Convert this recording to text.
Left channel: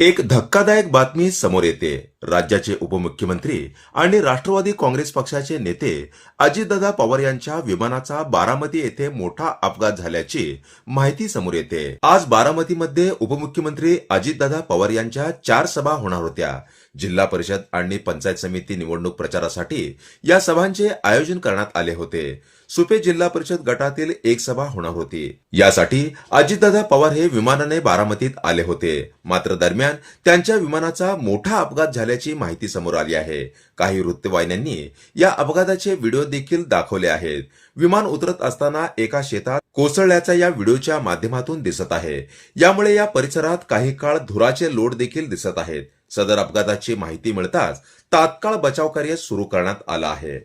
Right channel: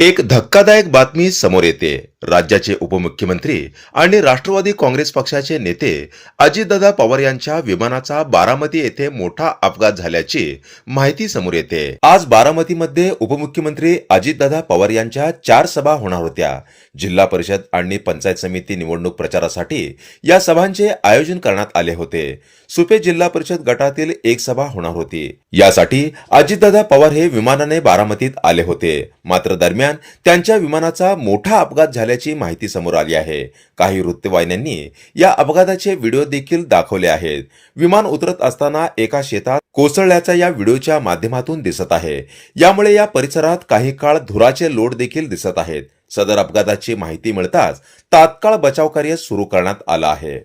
एक धक्कादायक बातमी समोर येते. राज्याचे उपमुख्यमंत्री आणि राष्ट्रवादी काँग्रेस पक्षाचे नेते अजितदादा पवार यांच्या विमानाचा बारामती येथे मोठा अपघात झाल्याची माहिती समोर येते. आज बारामतीमध्ये उपमुख्यमंत्री अजितदादा पवार यांच्या 4 सभा होणार होत्या. जिल्हा परिषद आणि पंचायत समिती निवडणूक प्रचारासाठी या सभांचे आयोजन करण्यात आले होते. सुपे जिल्हा परिषद गटातील एक सभा होणार होती. यासाठी अजितदादा पवार हे विमानाने बारामतीत आले होते. मात्र दरम्यान त्यांच्या विमानाचा मोठा अपघात झाल्याची माहिती समोर आली आहे. काही वृत्तवाहिन्यांनी या अपघाताचे व्हिडिओ देखील दाखवले आहेत. विमान उतरत असताना एका शेतात कोसळल्याचा या व्हिडिओच्या माध्यमातून दिसत आहे. यामुळे या परिसरात काही काळ धुराचे लोट देखील दिसत आहेत. सदर अपघाताची माहिती मिळताच तात्काळ बचाव कार्य सुरू करण्यात आलं आहे.